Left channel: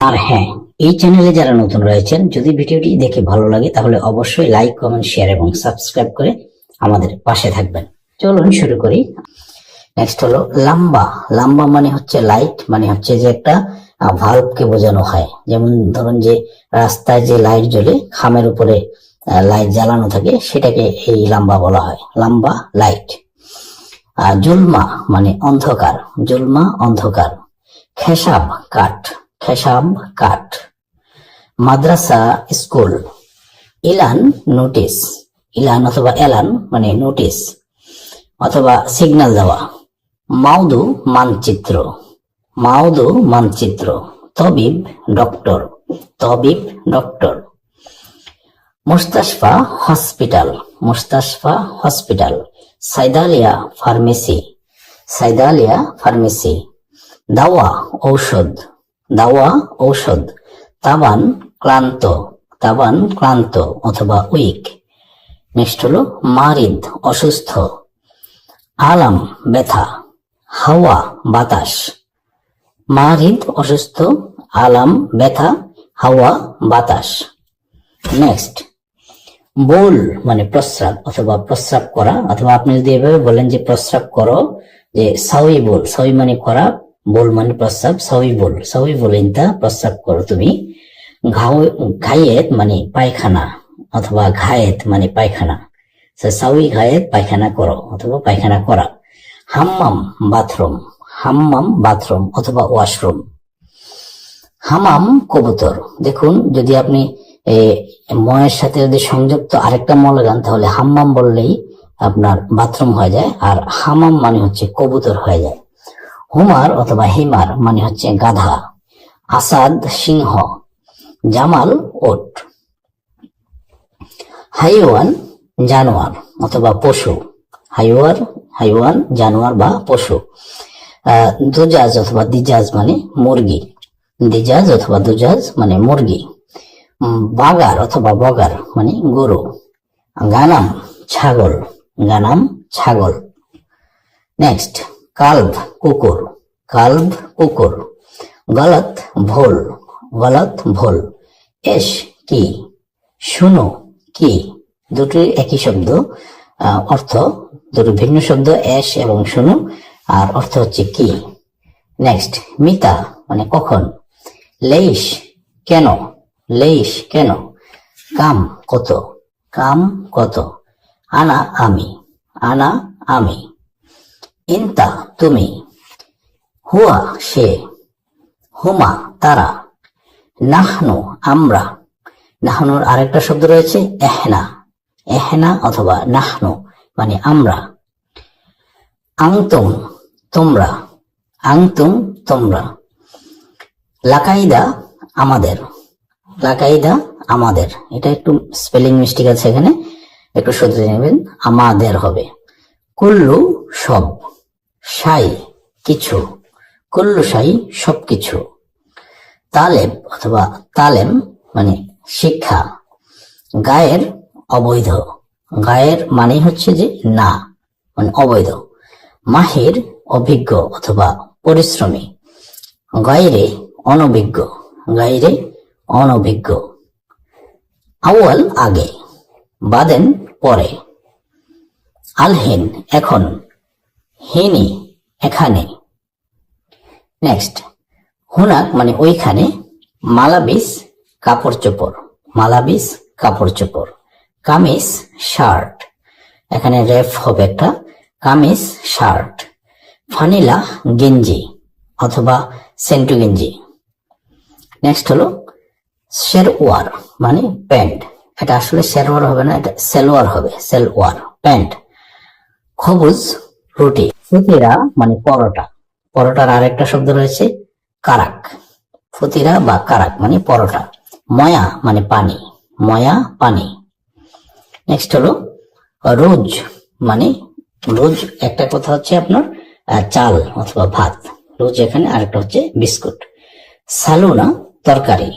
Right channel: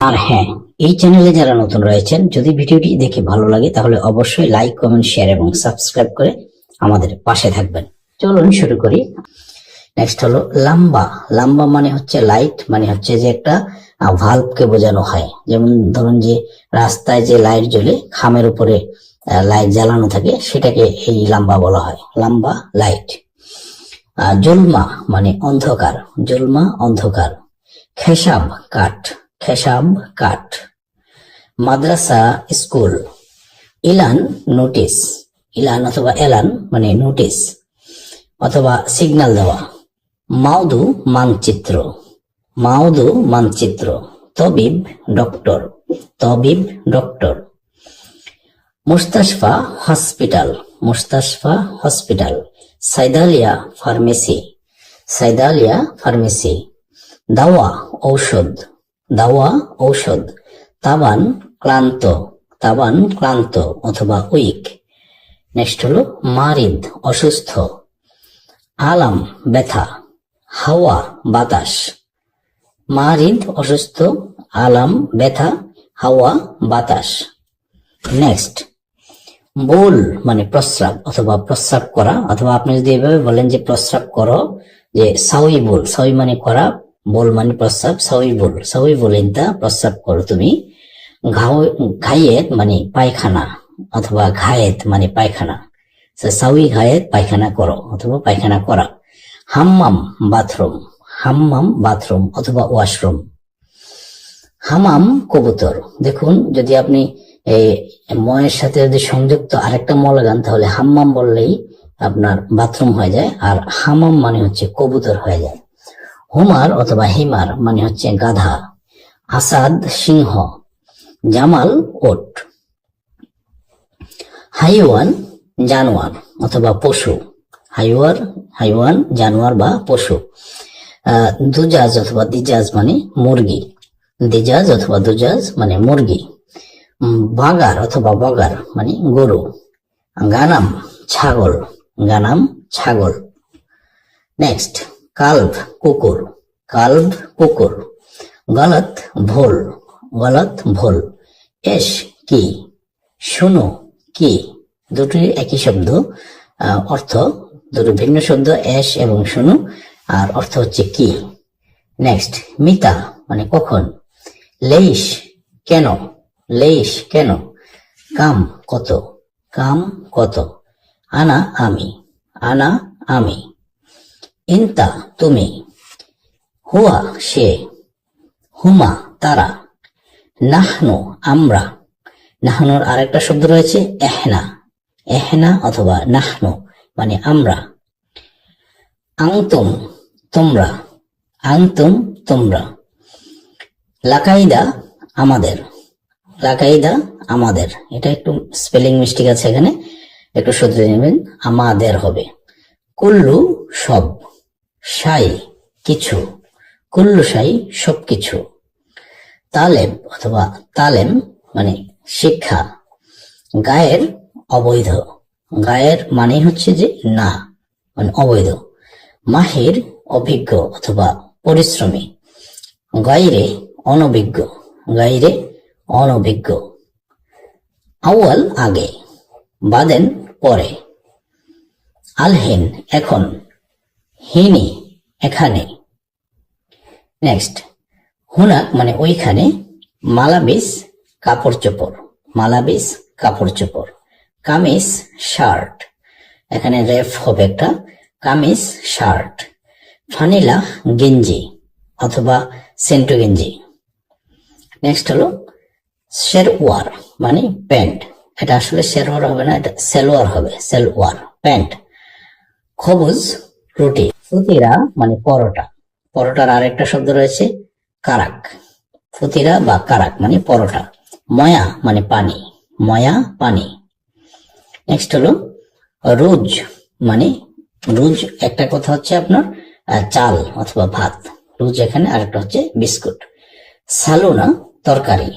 আর হ্যাঁ এই চ্যানেলে যারা নতুন রয়েছেন, যদি ভিডিওটি দেখে ভালো লাগে, তাহলে অবশ্যই লাইক কমেন্ট শেয়ার এবং সাবস্ক্রাইব করে আমাদের পাশে থাকবেন। চলুন শুরু করি। নেক্সট হলো লাম্বা। লাম্বা মানে হচ্ছে লাইট মানে হচ্ছে যে একটা ভাল্ব কে বোঝানো হয়। যেমন ধরুন যে রাস্তায় যে লাইট জ্বলে, খামের উপরে লাইট জ্বালানো থাকে, সেটাকে এই লাম্বা বলা হয়। লাম্বা লাইট আর জলমা মানে অন্ধকার। জলমা অন্ধকার। খেসাব, কাঠ। খেসাব কাঠ মাদ্রাসা স্কুল। ইলান নোটিস। ইলান অথবা এলান মানে নোটিস অথবা সিগন্যাল দেওয়া। মাউদু মানচিত্র। মাউদু মানচিত্র। তবিব ডক্টর। তবিব ডক্টর। মুস্তাশফা হসপিটাল। মুস্তাশফা হসপিটাল। সাইদালিয়া ফার্মেসি। সাইদালিয়া ফার্মেসি। দাওয়া ঔষধ। দাওয়া, ঔষধ। তাবান ক্লান্ত তাবান ক্লান্ত অথবা উইক। নেক্সট হলো মারিদ, অসুস্থ। আলাম, ব্যথা। হাওয়া, বাতাস। মারিদ, অসুস্থ, আলাম, ব্যথা, হাওয়া, বাতাস। নেক্সট। বোল মানে প্রস্রাব অথবা প্রস্রাব করা। অথবা আপনি যদি এভাবে বলেন যে প্রস্রাব করো, যে সাউই বোল, সাউই মানে করা বোল মানে প্রস্রাব সাউই বোল সাউই বলেন তা প্রস্রাব করো তুমি। ঘাও ঘায়েত মানে পায়খানা, অথবা ঘায়েত মানে পায়খানা। সাউই ঘায়েত, পায়খানা করো, অথবা পায়খানা করা। হাম্মাম, বাথরুম হাম্মাম, বাথরুম, অথবা ওয়াশরুম। হামাম কবুতর। দেখুন, যদি আপনি ময়ের সাথে যদি সংযুক্ত আরেকটা ম লাগান তাহলে হাম্মাম বললেই আপনার বাথরুম হয়ে যায়, আর হামাম মানে হচ্ছে কবুতর হয়ে যায়। হুমার অথবা হিমার মানে হচ্ছে গাধা, আসাদ সিংহ, জামাল ওট, হাইওয়ান জানোয়ার অথবা পশু, হাইওয়ার, হাইওয়ান, জানোয়ার বা পশু দুজাজ অথবা দিজাজ মানে মুরগি, দিজাজ অথবা দুজাজ মানে মুরগি বাগার অথবা বগার মানে গরু, গানাম ছাগল গানাম ছাগল। নেক্সট কাল্ভ কুকুর কাল্ভ কুকুর। গলত ভোল গলত ভোল। এস কি? শুনো কি? দুটি একই শব্দ। অর্থ দুটো ভিন্ন শব্দ, এস এবং শুনো। আর অর্থ হচ্ছে কি? নেক্সট মিতা মানে কখন? লেইশ কেন? লেইশ কেন? কাম কত? কাম কত? আনা আমি আনা আমি। ইন্তা, তুমি। হুয়া, সে। হুমা, তারা। নাহনু, আমরা। নাহনুর আরেকটা শব্দ রয়েছে, এহনা। এহনা অথবা নাহনু মানে আমরা। আংতুম, তোমরা। আংতুম, তোমরা। লাকাইদা, আমাদের। লাকাইদা, আমাদের। এটা একটু স্পেলিং মিস্টেক আছে এখানে। একটু শুধরে নেবেন, আমাদের হবে। কুল্লু, সব। সাই কিছু, কুল্লু সাই সবকিছু। তালেব অথবা তালেম মানে শিক্ষা। গায়ের অবৈধ। গায়ের মানে হচ্ছে যে না মানে অবৈধ। মাহির অভিজ্ঞ অথবা পরিশ্রমী। গাইরে অনভিজ্ঞ। গাইরে অনভিজ্ঞ। আউয়াল আগে, বাদেন পরে। আলহিন এখন। হিনি এখানে। নেক্সট হুনাক মানে ওইখানে মালাবিস কাপড় চোপড় মালাবিস কাপড় চোপড় কামিজ শার্ট। এখানে রেফ হবে একটা, কামিজ শার্ট ফানিলা গেঞ্জি অথবা সেন্টু গেঞ্জি। নেক্সট হলো শেরওয়ার মানে প্যান্ট। এটা আসলে শেরওয়ার হবে না, এটা সেলোয়ার হবে সেলওয়ার প্যান্ট। খবুজ রুটি ফুতিরা মানে পরোটা। পরোটার আরেকটা শব্দ রয়েছে, কারাক। ফুতিরা বা কারাক মানে পরোটা। ময়া মানে পানি। ময়া, পানি। নেক্সট হলো, রোজ মানে রোজ একটা কথা হচ্ছে আপনার চাল অথবা ভাত। রোজ এখানে আরেকটা হচ্ছে বিস্কুট। সালোনা, তরকারি।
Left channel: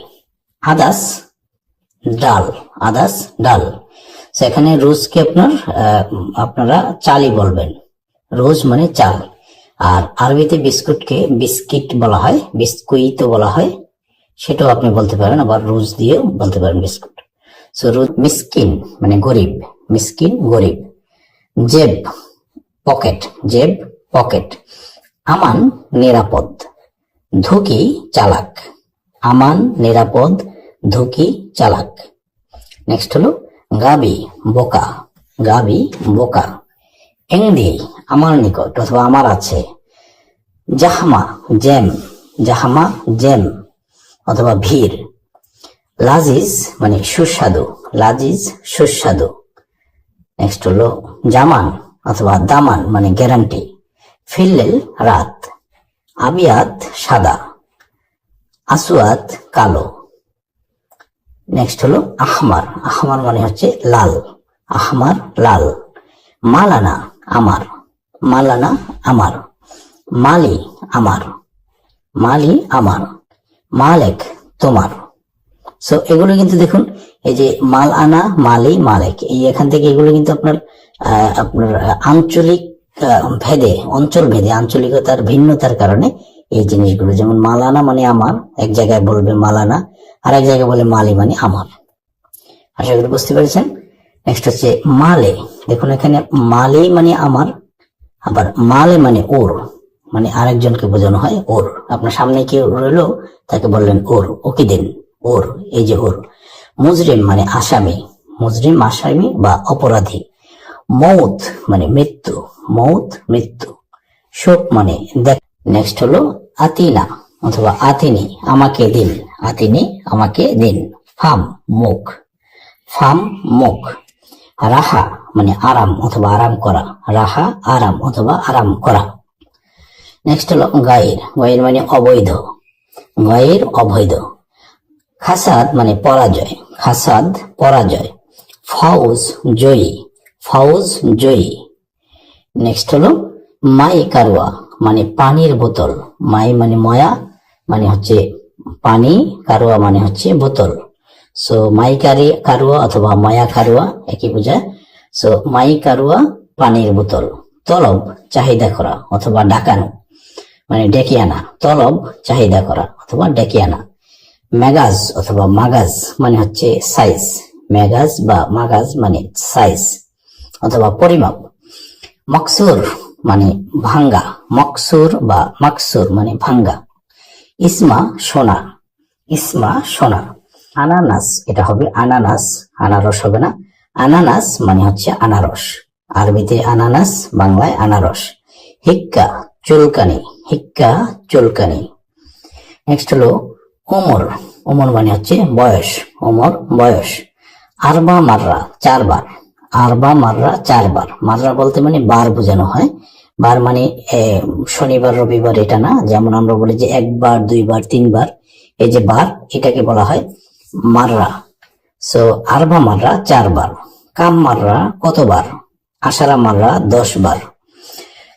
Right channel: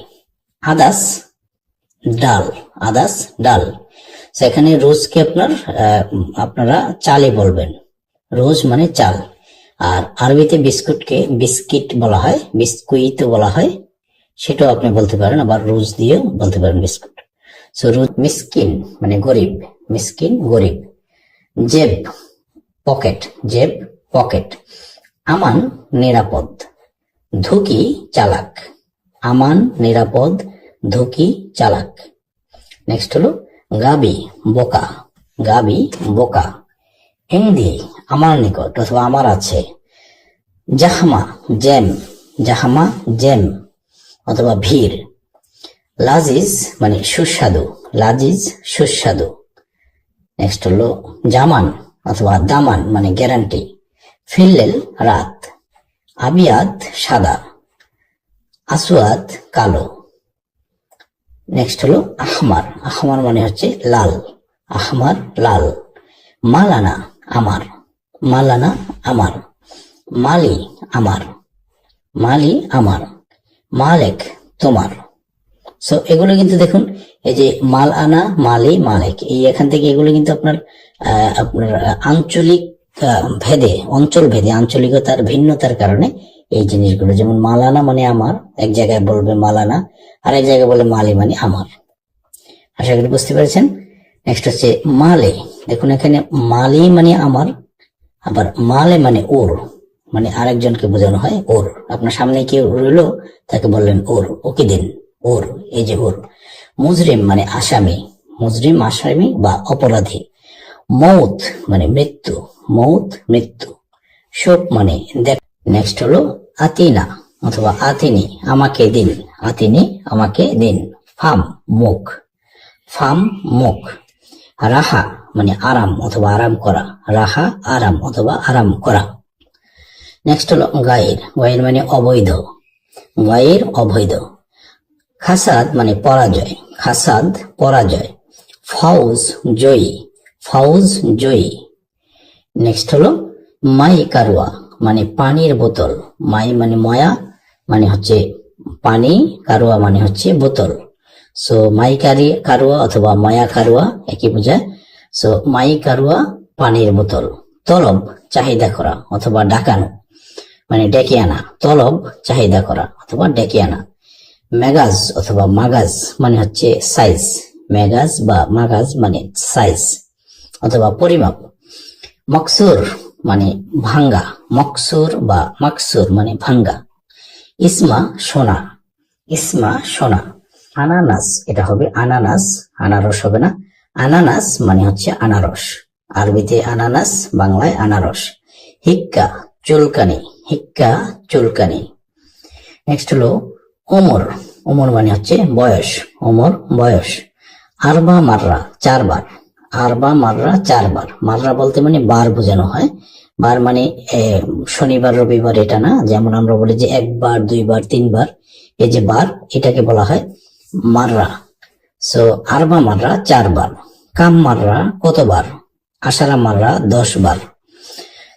আদাস, ডাল। আদাস, ডাল। সেখানে রোজকে আপনার আপনারা চালে বলবেন। রোজ মানে চাল। আর আরবিতে বিস্কুটকে বিস্কিট বলা হয়, বিস্কুইত বলা হয়। সেটাও আপনি বলতে পারেন, আবার রোজ দিয়েও বলতে পারেন বিস্কুট। সো রোজ মিসকিন মানে গরিব, মিসকিন গরিব। জেব, পকেট জেব, পকেট। আমান, নিরাপদ। ধুকি, চালাক। আমান, নিরাপদ, ধুকি, চালাক। নেক্সট হলো, গাবি, বোকা। গাবি, বোকা। এংদি আমার নিকট অথবা আমার আছে। জাহমা, জেম, জাহামা, জেম, অথবা ভিড় লাজিজ মানে সুস্বাদু, লাজিজ, সুস্বাদু। নেক্সট হলো জামান অথবা দামান মানে গ্যারান্টি ফিল্লেল, রাত। আবিয়াত, সাদা। আসুয়াত কালো। নেক্সট হলো আহমার। আহমার মানে হচ্ছে লাল। আহমার, লাল। মালানা আমার, মালানা আমার, মালি আমার মালি আমার, মালেক তোমার। সো এগুলো কিন্তু দেখুন, এই যে মাল আনা, মালি, মালেক, এই এখান থেকে এগুলো কিন্তু আপনার আপনার আঞ্চলিক ভেদে, অঞ্চল ভেদে, আঞ্চলিকতার ভিন্নতার কারণে এই জিনিসগুলো, যেমন মালানা মানে আমার, এক জায়গায় বলবে মালানা আর এক জায়গায় বলে মালি মানে আমার। আশা করি বুঝতে পেরেছেন? নেক্সট হচ্ছে মালে। দেখুন এখানে মালে মানে আমার, আবার মালে মানে ওর মানে আরেকজনকে বোঝানো হয় ওর। আপনার সামনে কি রইল, তাকে বললেন ওর, ওকে দিন, ওর, এই যে ওর। মুজরিম মানে আসামি। মুজরিম, আসামি বা অপরাধী। মৌত মানে মৃত্যু। মৌত, মৃত্যু। শোক মানে দেখ নেক্সট হলো আতিনা অথবা আতিনি, আমাকে দিন। আতিনি, আমাকে দিন। ফাম, মুখ। ফাম, মুখ। রাহা মানে আরাম অথবা আরাম করা। রাহা, আরাম অথবা আরাম করা। নেক্সট হলো গায়ের। গায়ের মানে অবৈধ। গায়ের অবৈধ। খাসাদ মানে পরাজয়। খাসাদ, পরাজয়। ফৌজ, জয়ী। ফৌজ, জয়ী। নেক্সট হলো মাই কারওয়া মানে পানির বোতল। মাই মানে ময়া মানে হচ্ছে পানি, কারওয়া মানে হচ্ছে বোতল। সো মাই কারি কারওয়া অথবা ময়া কারওয়া একই বোঝায় সো মাই কারওয়া পানির বোতল তলব চাহিদা করা অথবা ডাকানো মানে ডেকে আনা তলব চাহিদা করা অথবা ডেকে আনা ম্যাগাজ অথবা মাগাজ মানে হচ্ছে সাইজ ম্যাগাজ বা মাগাজ মানে সাইজ অথবা পরিমাপ মকসুর মানে ভাঙ্গা মকসুর বা মাকসুর মানে ভাঙ্গা ইসমা সোনা ইসমা সোনা আনানাস, এটা হবে আনানাস, আনারস হবে না। আনানাস মানে হচ্ছে আনারস। আরবিতে আনানাস, বাংলায় আনারস। হিক্কা, চুলকানি। হিক্কা, চুলকানি। নেক্সট হলো ওমর। ওমর মানে হচ্ছে বয়স। ওমর, বয়স। আরবা মাররা, চারবার। আরবা মাররা, চারবার। মাররা বলতে মানে বার বোঝানো হয়। বার মানে শনিবার, রবিবার এটা না। যেমন আমরা বলি যে একবার, দুইবার, তিনবার। এই যে বার, এটাকে বলা হয় মাররা। সো আরবা মাররা চারবার। কাম মাররা কতবার? আশারা মাররা দশ বার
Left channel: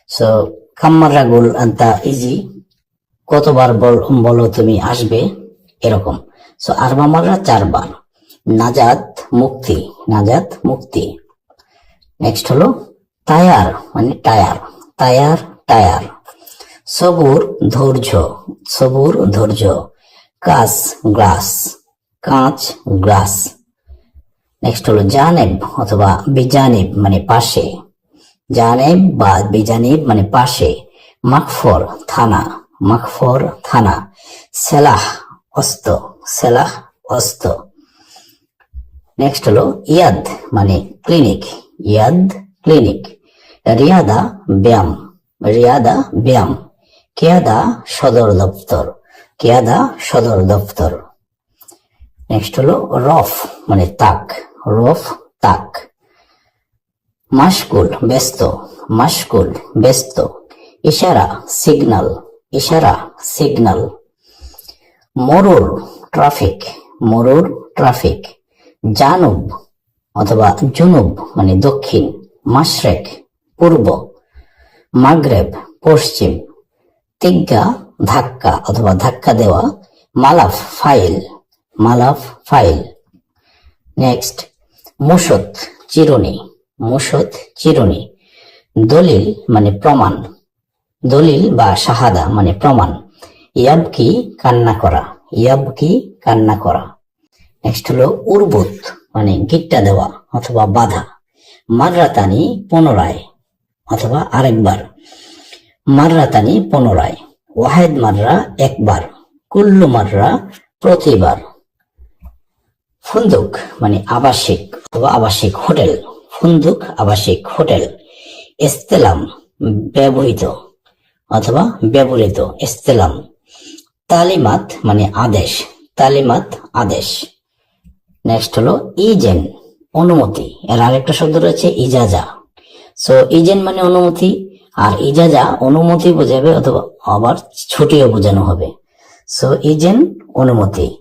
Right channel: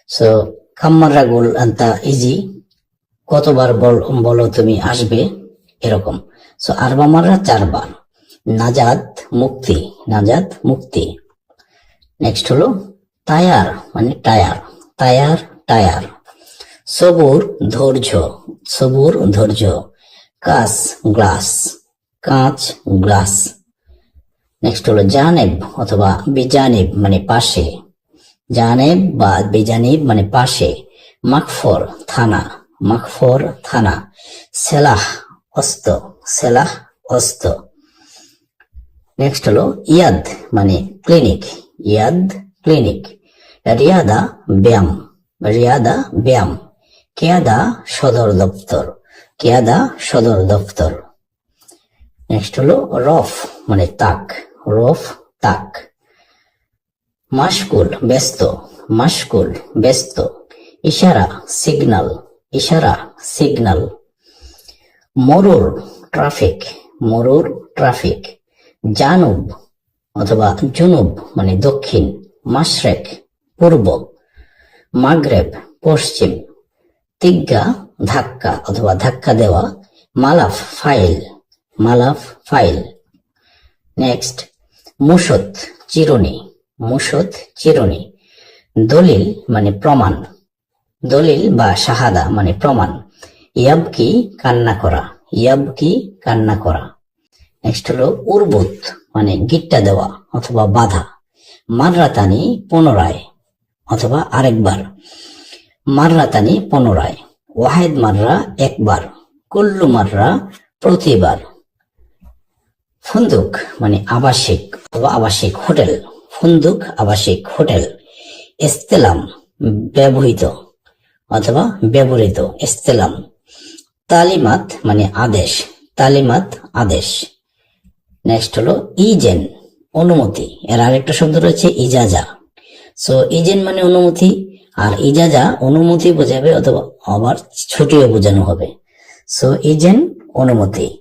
সো কাম মাররা গোল আনতা ইজি কতবার বল- বলো তুমি, আসবে? এরকম। সো আরবা মাররা চারবার। নাজাত মুক্তি নাজাত মুক্তি। নেক্সট হলো টায়ার মানে টায়ার। Tyre tyre. সবুর ধৈর্য সবুর ধৈর্য। কাস, গ্লাস। কাঁচ গ্লাস নেক্সট হলো জানেব অথবা বিজানিব মানে পাশে। জানেব বা বিজানিব মানে পাশে। মাকফর, থানা। মাকফর, থানা। সেলাহ, অস্ত। সেলাহ, অস্ত। নেক্সট হলো ইয়াদ মানে ক্লিনিক ইয়াদ ক্লিনিক রিয়াদা, ব্যায়াম। রিয়াদা, ব্যায়াম। কেয়াদা, সদর দপ্তর। কেয়াদা, সদর দপ্তর। নেক্সট হলো রফ মানে তাক। রফ, তাক। মাসকুল ব্যস্ত। মাসকুল ব্যস্ত। ইশারা, সিগনাল। ইশারা, সিগনাল। মরুর, ট্রাফিক। মরুর, ট্রাফিক। জানুব, অথবা জুনুব মানে দক্ষিণ। মাশরেক, পূর্ব। মাগরেব, পশ্চিম। তিগ্গা, ধাক্কা, অথবা ধাক্কা দেওয়া। মালাফ, ফাইল। মালাফ ফাইল। নেক্সট মুসত চিরুনি মুসত চিরুনি। দলিল মানে প্রমাণ। দলিল বা শাহাদা মানে প্রমাণ। ইয়াবকি কান্না করা? ইয়াবকি কান্না করা? নেক্সট হলো উর্বুত মানে গিট্টা দেওয়া অথবা বাধা। মাররাতানি পুনরায় অথবা আরেকবার। মাররাতানি পুনরায়। ওয়াহেদ মাররা একবার। কুল্লু মাররা প্রতিবার। ফন্দুক মানে আবাসিক অথবা আবাসিক হোটেল। ফন্দুক, আবাসিক হোটেল। ইস্তেলাম ব্যবহৃত অথবা ব্যবহৃত ইস্তেলাম তালিমাত মানে আদেশ। তালিমাত, আদেশ। নেক্সট হলো ইজেন, অনুমতি। এর আরেকটা শব্দ রয়েছে ইজাজা। সো ইজেন মানে অনুমতি, আর ইজাজা অনুমতি বোঝাবে অথবা আবার ছুটিও বোঝানো হবে। সো ইজেন, অনুমতি।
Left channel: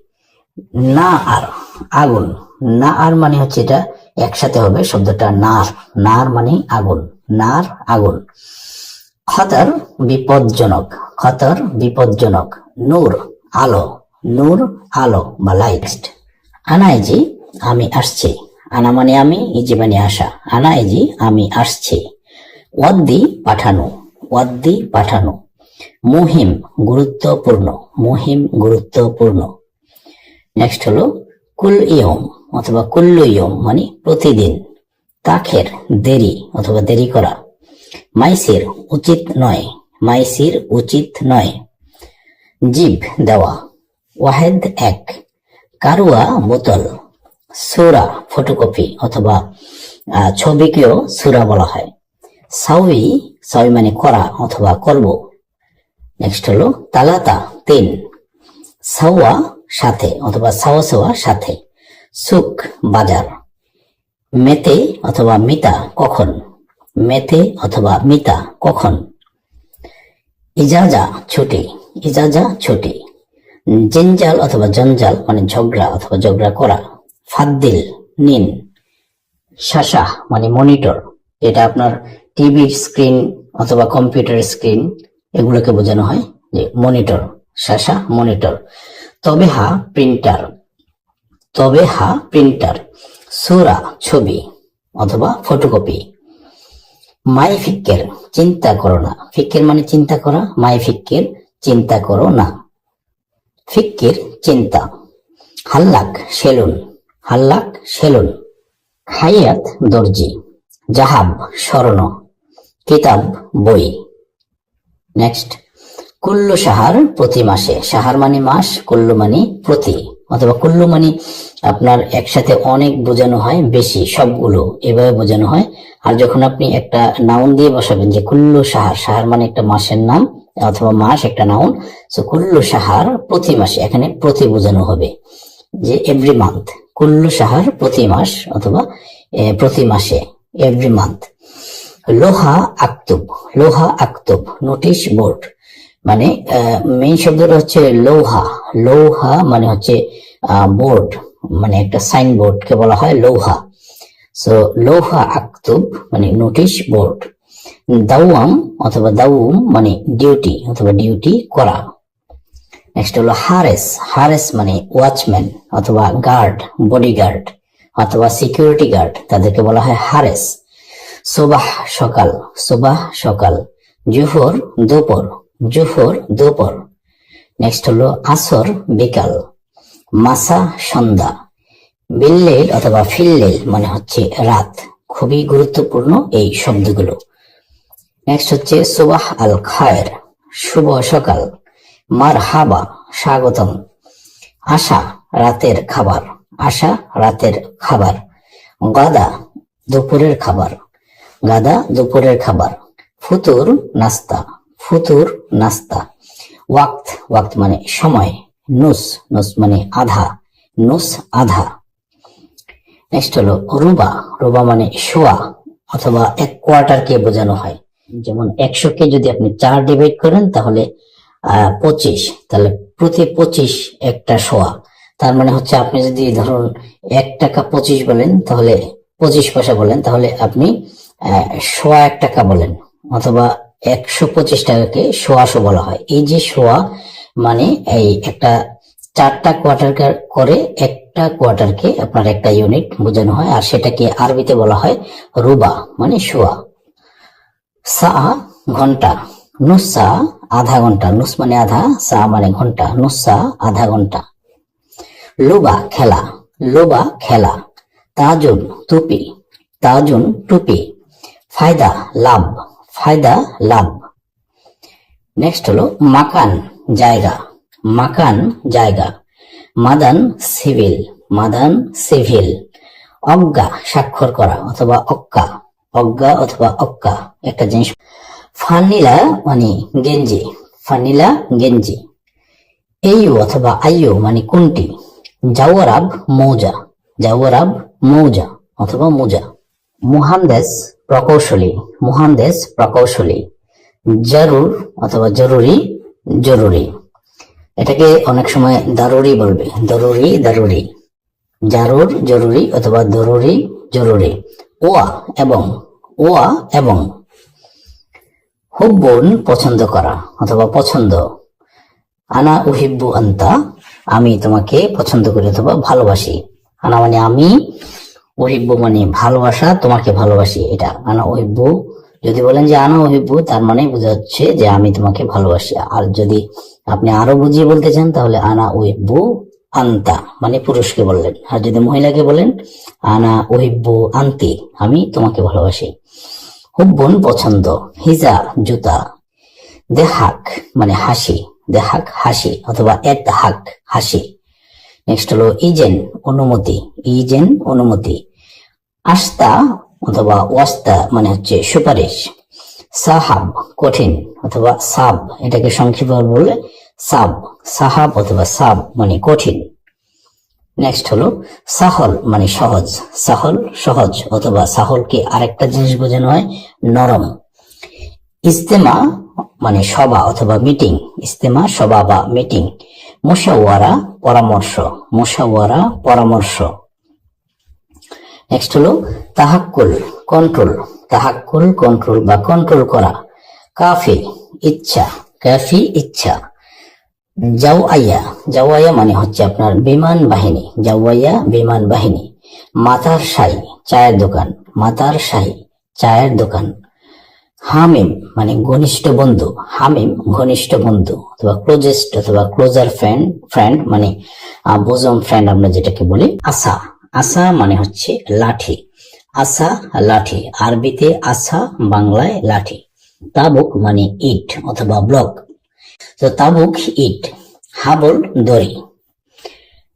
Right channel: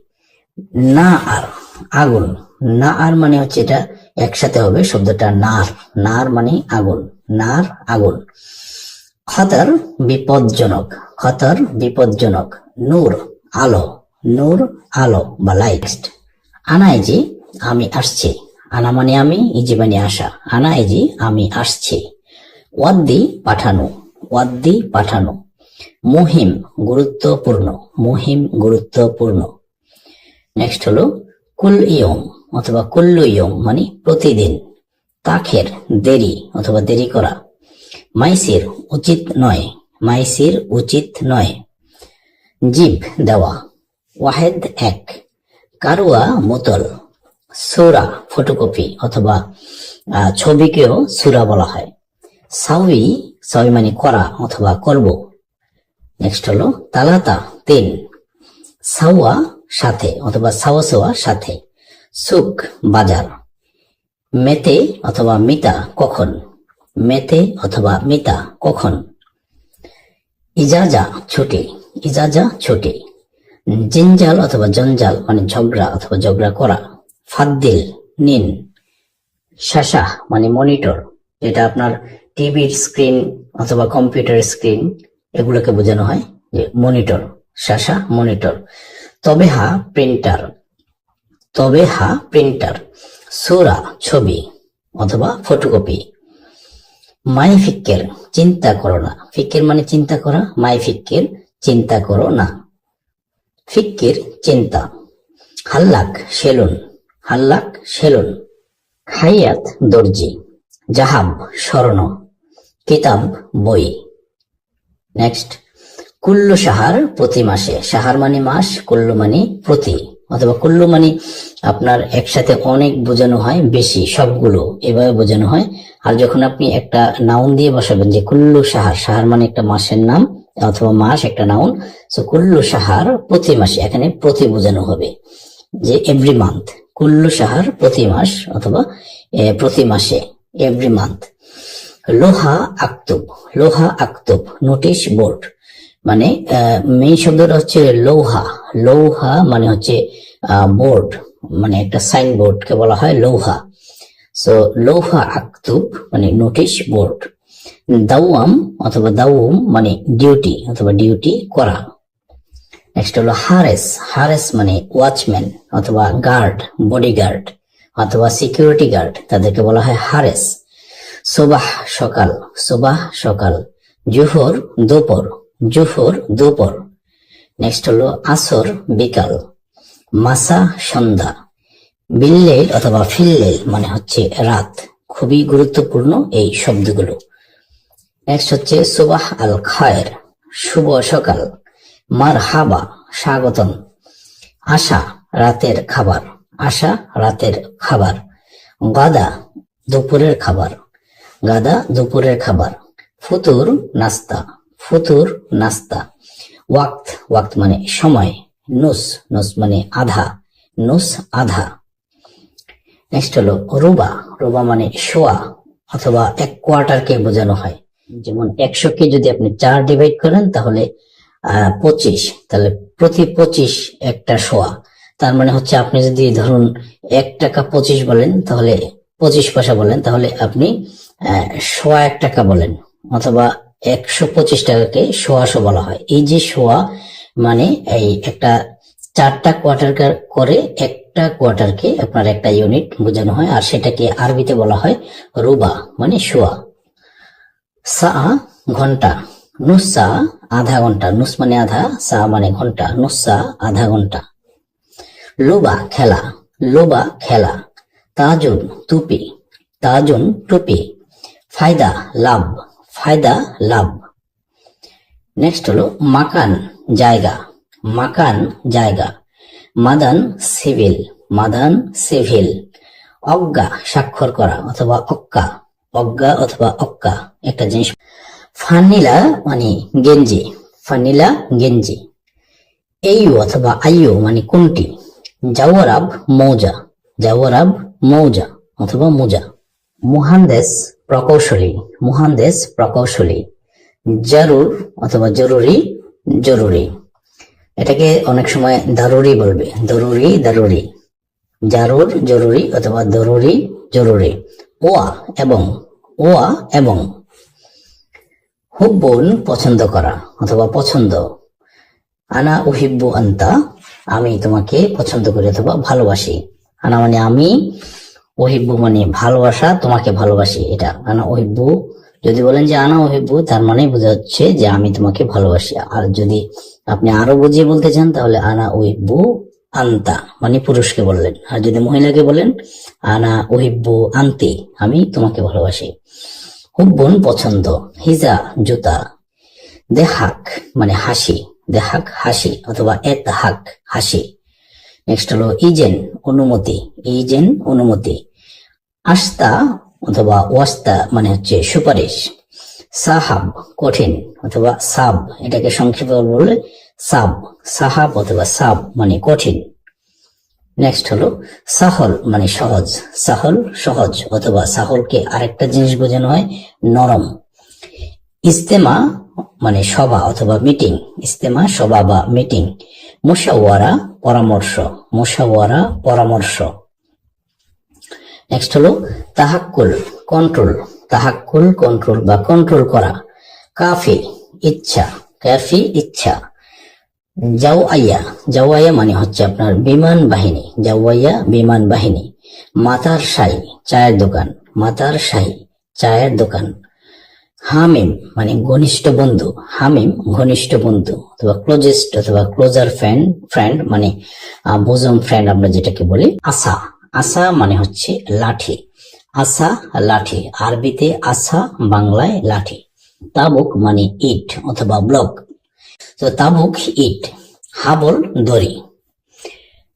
না আর। আগুন। না আর মানে হচ্ছে এটা একসাথে হবে, শব্দটা নার। নার মানে আগুন। নার, আগুন। খতর বিপজ্জনক। খতর বিপজ্জনক। নূর, আলো। নূর, আলো বা লাইট। আনা ইজি আমি আসছি। আনা মানে আমি ইজি মানে আসা। আনা ইজি আমি আসছি। ওয়াদ্দি পাঠানো। ওয়াদ্দি পাঠানো। মুহিম, গুরুত্বপূর্ণ। মুহিম, গুরুত্বপূর্ণ। নেক্সট হলো কুল ইয়ম অথবা কুল্লু ইয়ম মানে প্রতিদিন। কাখের দেরি অথবা দেরি করা। মাইসির উচিত নয়। মাইসির উচিত নয়। জিভ দেওয়া। ওয়াহেদ এক। কারুয়া বোতল। সুরা ফটোকপি অথবা ছবিকেও সুরা বলা হয়। সাউই সাউই মানে করা অথবা করব। নেক্সট হলো তালাতা তিন। সাওয়া সাথে, অথবা সাওয়া সাথে। সুক বাজার। মেতে অথবা মিতা কখন? মেতে অথবা মিতা কখন? ইজাজা ছুটি ইজাজা ছুটি। জঞ্জাল অথবা জঞ্জাল মানে ঝগড়া অথবা ঝগড়া করা। ফাদ্দিল, নিন। শাসা মানে মনিটর, যেটা আপনার টিভির স্ক্রিন অথবা কম্পিউটার স্ক্রিন, এগুলোকে বোঝানো হয় যে মনিটর শাসা মনিটর। তবে হা প্রিন্টার, তবে হা প্রিন্টার, সুরা ছবি অথবা ফটোকপি। মাই ফিক্কের চিন্তা করো না। ফিক্কের মানে চিন্তা করা মাই ফিক্কের চিন্তা করো না। ফিক্কের চিন্তা। হাল্লাক সেলুন হাল্লাক সেলুন। খাইয়াত দর্জি, জাহাব স্মরণ। কিতাব বই। নেক্সট। কুল্লু সাহার প্রতি মাসে। সাহার মানে মাস, কুল্লু মানে প্রতি। অথবা কুল্লু মানে আপনার একসাথে অনেক বোঝানো হয়, বেশি সবগুলো এভাবে বোঝানো হয়। আর যখন আপনি একটা নাউন দিয়ে বসাবেন যে কুল্লু সাহার সাহার মানে একটা মাসের নাম অথবা মাস একটা নাউন সো কুল্লু সাহার প্রতি মাসে, এখানে প্রতি বোঝানো হবে যে এভরি মান্থ কুল্লু সাহার প্রতি মাস অথবা প্রতি মাসে এভরি মান্থ লোহা আক্তুব লোহা আক্তুব নোটিশ বোর্ড মানে মেইন শব্দটা হচ্ছে লৌহা। লৌহা মানে হচ্ছে বোর্ড মানে একটা সাইন বোর্ড কে বলা হয়, লৌহা। সো লৌহা আক্তুব মানে নোটিশ বোর্ড দাওয়াম অথবা দাউম মানে ডিউটি অথবা ডিউটি করা। নেক্সট হলো হারেস। হারেস মানে ওয়াচম্যান অথবা গার্ড বডিগার্ড অথবা সিকিউরিটি গার্ড তাদেরকে বলা হয় হারেস। সোবাহ সকাল সোবাহ সকাল। জোহর, দুপুর। জোহর দুপুর। নেক্সট হলো আসর বিকাল। মাসা সন্ধ্যা। বিল্লেল অথবা ফিল্লেল মানে হচ্ছে রাত। খুবই গুরুত্বপূর্ণ এই শব্দগুলো। নেক্সট হচ্ছে সুবাহ আল খায়ের। শুভ সকাল। মার হাবা স্বাগতম। আশা, রাতের খাবার। আশা, রাতের খাবার। গাদা, দুপুরের খাবার। গাদা, দুপুরের খাবার। ফুতুর, নাস্তা। ফুতুর নাস্তা। ওয়াক্ত ওয়াক্ত মানে সময়, নুস নুস মানে আধা, নুস আধা। নেক্সট হলো রুবা রুবা মানে শোয়া অথবা এক কোয়ার্টারকে বোঝানো হয়। যেমন একশো কে যদি আপনি চার ডিভাইড করেন তাহলে পঁচিশ। তাহলে প্রতি পঁচিশ একটা শোয়া। তার মানে হচ্ছে আপনি যদি ধরুন এক টাকা পঁচিশ বলেন, তাহলে পঁচিশ পয়সা বলেন, তাহলে আপনি সোয়া এক টাকা বলেন। অথবা একশো পঁচিশ টাকাকে সোয়াশো বলা হয়। এই যে সোয়া মানে এই একটা চারটা কোয়ার্টার করে একটা কোয়ার্টারকে আপনার একটা ইউনিট বোঝানো হয়, আর সেটাকে আরবিতে বলা হয় রুবা মানে সোয়া সা ঘণ্টা, নুসা আধা ঘণ্টা, নুস মানে আধা, সা মানে ঘণ্টা, নুসা আধা ঘণ্টা। লুবা খেলা লুবা খেলা, তাজুন টুপি তাজুন টুপি, ফায়দা, লাভ। ফায়দা, লাভ। নেক্সট হলো মাকান, জায়গা। মাকান, জায়গা। মাদান, সিভিল। মাদান, সিভিল। অজ্ঞা, স্বাক্ষর করা অথবা অক্কা। অজ্ঞা অথবা অক্কা, একটা জিনিস। ফানিলা মানে গেঞ্জি। ফানিলা, গেঞ্জি। এইউ অথবা আইয়ু মানে কোনটি? জাওয়ারাব, মৌজা। জাওয়ারাব, মৌজা অথবা মোজা। মুহান্দেস প্রকৌশলী মুহান্দেস প্রকৌশলী, জারুর অথবা জরুরি জরুরি। এটাকে অনেক সময় দারুরি বলবে। দরুরি, দারুরি। জারুর, জরুরি অথবা দরুরি, জরুরি। ওয়া এবং ওয়া এবং। হুব্বুন, পছন্দ করা অথবা পছন্দ। আনা উহিব্বু আন্তা, আমি তোমাকে পছন্দ করি অথবা ভালোবাসি। আনা মানে আমি ওহিব্বু মানে ভালোবাসা, তোমাকে ভালোবাসি, এটা। আনা ওহিব্বু যদি বলেন যে আনা ওহিব্বু তার মানে বোঝা হচ্ছে যে আমি তোমাকে ভালোবাসি। আর যদি আপনি আরও বুঝিয়ে বলতে চান, তাহলে আনা ওহিব্বু আন্তা মানে পুরুষকে বললেন। আর যদি মহিলাকে বলেন, আনা ওহিব্বু আন্তি, আমি তোমাকে ভালোবাসি। হুব্বন পছন্দ, হিজা, জুতা, দেহাক মানে হাসি, দেহাক, হাসি, অথবা এত হাক, হাসি। নেক্সট হলো ইজেন, অনুমতি ইজেন, অনুমতি। আস্তা অথবা ওয়াস্তা মানে হচ্ছে সুপারিশ। সাহাব, কঠিন অথবা সাব, এটাকে সংক্ষেপে বললে সাব, সাহাব অথবা সাব মানে কঠিন। নেক্সট হলো সাহল মানে সহজ, সাহল সহজ অথবা সাহলকে আরেকটা জিনিস বোঝানো হয়, নরম। ইস্তেমা মানে সভা অথবা মিটিং, ইস্তেমা, সভা বা মিটিং। মোশাওয়ারা, পরামর্শ মোশাওয়ারা, পরামর্শ। নেক্সট হলো তাহাক্কুল কন্ট্রোল তাহাক্কুল কন্ট্রোল বা কন্ট্রোল করা। কাফি, ইচ্ছা। কাফি, ইচ্ছা। জাওয়াইয়া জাওয়াইয়া মানে হচ্ছে আপনার বিমান বাহিনী। জাওয়াইয়া, বিমান বাহিনী। মাতার সাই চায়ের দোকান। মাতার সাই চায়ের দোকান। হামিম মানে ঘনিষ্ঠ বন্ধু, হামিম, ঘনিষ্ঠ বন্ধু, অথবা ক্লোজেস্ট অথবা ক্লোজার ফ্রেন্ড ফ্রেন্ড মানে বোজম ফ্রেন্ড আমরা যেটাকে বলি আসা আসা মানে হচ্ছে লাঠি। আসা লাঠি। আরবিতে আসা বাংলায় লাঠি। তাবুক মানে ইট অথবা ব্লক তো তাবুক, ইট। হাবল, দড়ি।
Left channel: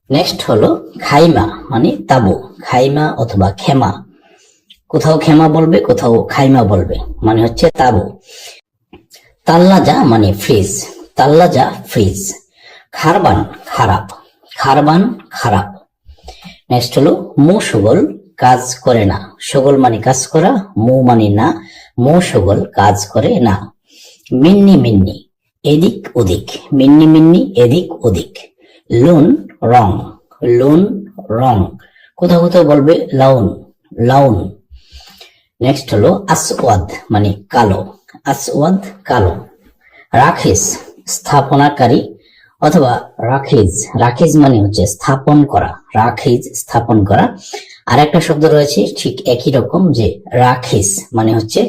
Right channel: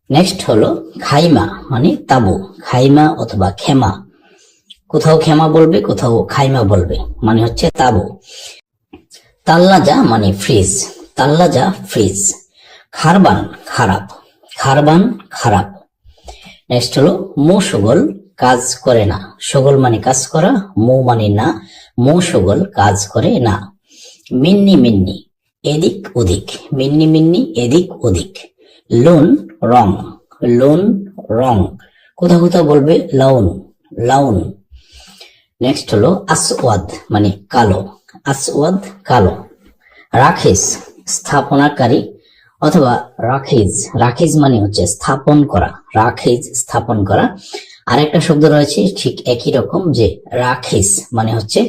নেক্সট হলো খাইমা মানে তাবু। খাইমা অথবা খেমা। কোথাও খেমা বলবে, কোথাও খাইমা বলবে মানে হচ্ছে তাবু। তাল্লাজা মানে ফ্রিজ, তাল্লাজা ফ্রিজ। খারবান, খারাপ খারবান, খারাপ। নেক্সট হলো, মো সগল কাজ করে না। সগল মানে কাজ করা, মো মানে না। মো সগল কাজ করে না। মিন্নি মিন্নি, এদিক ওদিক। মিন্নি মিন্নি, এদিক ওদিক। লোন, রং। লোন, রং। কোথাও কোথাও বলবে, লাউন লাউন। নেক্সট হলো আসওয়াদ মানে কালো। আসওয়াদ কালো। রাখিস স্থাপনাকারী অথবা রাখিজ। রাখিজ মানে হচ্ছে স্থাপন করা, রাখিজ স্থাপন করা। আর একটা শব্দ রয়েছে, ঠিক একই রকম যে রাখিস মানে হচ্ছে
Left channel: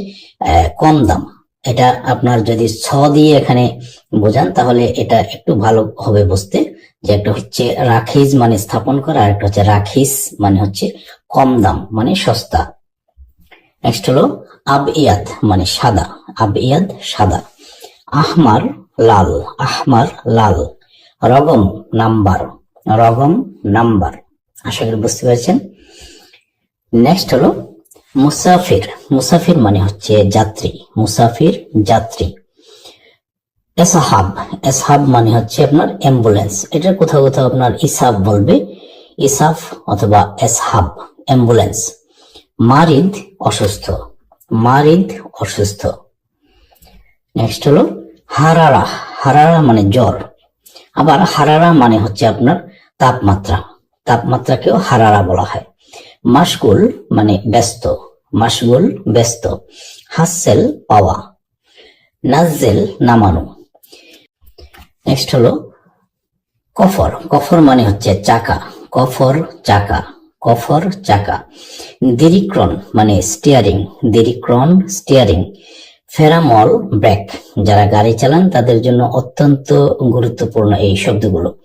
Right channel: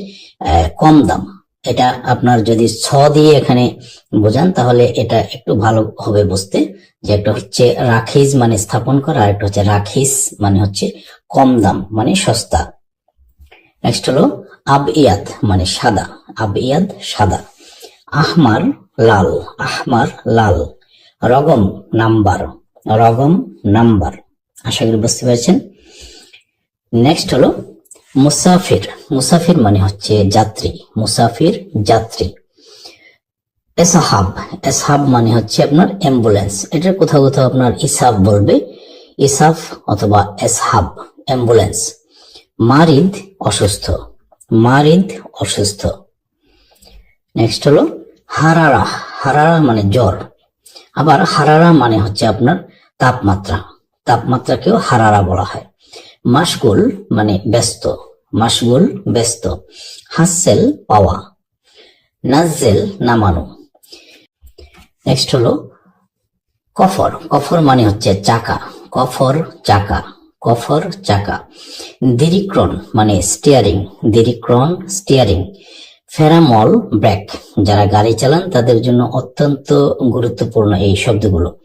কম দাম। এটা আপনার যদি ছ দিয়ে এখানে বোঝান, তাহলে এটা একটু ভালো হবে বুঝতে। যে একটা হচ্ছে রাখিজ মানে স্থাপন করা, আর একটা হচ্ছে রাখিস মানে হচ্ছে কম দাম মানে সস্তা। নেক্সট হলো আবিয়াদ মানে সাদা। আবিয়াদ সাদা। আহমার লাল আহমার লাল। রগম নাম্বার রগম নাম্বার। আশা করি বুঝতে পেরেছেন। নেক্সট হলো মুসাফির। মুসাফির মানে হচ্ছে যাত্রী। মুসাফির যাত্রী। এসহাব। এসহাব মানে হচ্ছে আপনার অ্যাম্বুলেন্স। এটা কোথাও কোথাও আপনার ইসাব বলবে। ইসাফ অথবা এসহাব, অ্যাম্বুলেন্স। মারিদ অসুস্থ। মারিদ অসুস্থ। নেক্সট হলো হারারা। হারারা মানে জ্বর। আবার হারারা মানে হচ্ছে আপনার তাপমাত্রা। তাপমাত্রাকেও হারারা বলা হয়। মাসগুল মানে ব্যস্ত। মাসগুল ব্যস্ত। হাসেল পাওয়া। নাজেল নামানো। নেক্সট হলো কফর। কফর মানে হচ্ছে চাকা। কফর, চাকা। কফর চাকা। দিরিক্রন মানে স্টিয়ারিং দিরিক্রন স্টিয়ারিং ফেরামল ব্রেক। যারা গাড়ি চালান, তাদের জন্য অত্যন্ত গুরুত্বপূর্ণ এই শব্দগুলো।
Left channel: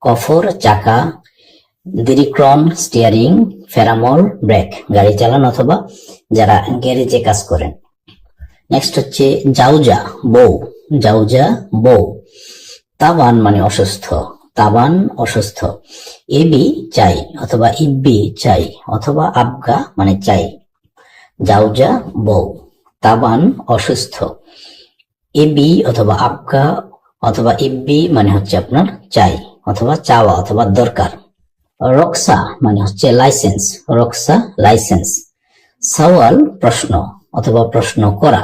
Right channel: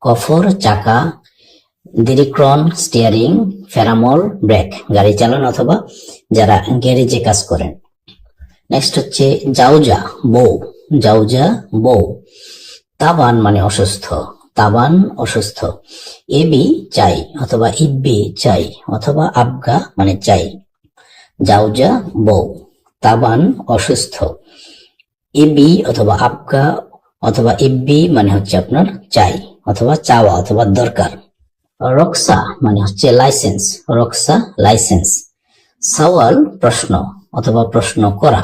কফর চাকা, দিরিক্রন স্টিয়ারিং ফেরামল ব্রেক। গাড়ি চালান অথবা যারা গ্যারেজে কাজ করেন। নেক্সট হচ্ছে জাউজা, বউ। জাউজা, বউ। তাবান মানে অসুস্থ। তাবান অসুস্থ। এবি চাই অথবা ইব্বি চাই অথবা আবগা মানে চাই। জাউজা বউ তাবান অসুস্থ। এবি অথবা আবগা অথবা ইব্বি মানে হচ্ছে আপনার চাই অথবা চাওয়া অথবা দরকার। রক্সা মানে হচ্ছে লাইসেন্স, রক্সা লাইসেন্স। সওয়াল প্রশ্ন অথবা প্রশ্ন করা।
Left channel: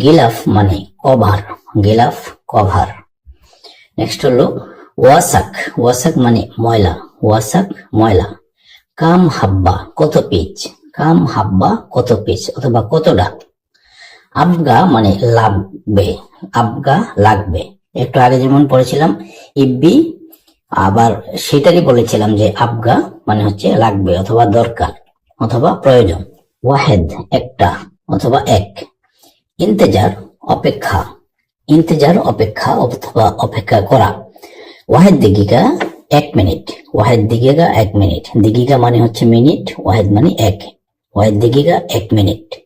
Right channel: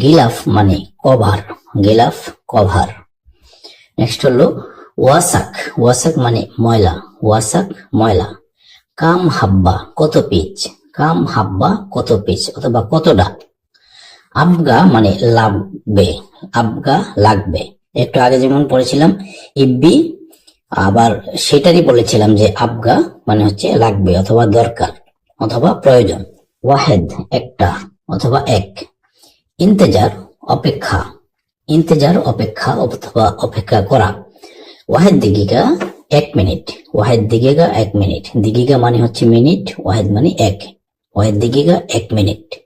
গিলাফ মানে কভার, গিলাফ কভার। নেক্সট হলো ওয়াসাক ওয়াসাক মানে ময়লা, ওয়াসাক ময়লা। কাম হাব্বা, কত পিচ কাম হাব্বা, কত পিচ অথবা কতটা? আবগা মানে লাগবে, আবগা লাগবে। একটু আগে যেমন পড়েছিলাম, ইব্বি, আবার সেটারই বলেছিলাম যে আবগা মানে হচ্ছে লাগবে অথবা দরকার, অথবা প্রয়োজন। ওয়াহেদ, একটা, অথবা এক। ইন্তেজার, অপেক্ষা। ইন্তেজার, অপেক্ষা, অথবা অপেক্ষা করা। ওয়াহেদ দিগিকা এক মিনিট। ওয়াহেদ দিগিকা এক মিনিট। দিগিকা মানে হচ্ছে মিনিট, ওয়াহেদ মানে এক। ওয়াহেদ দিগিকা এক মিনিট।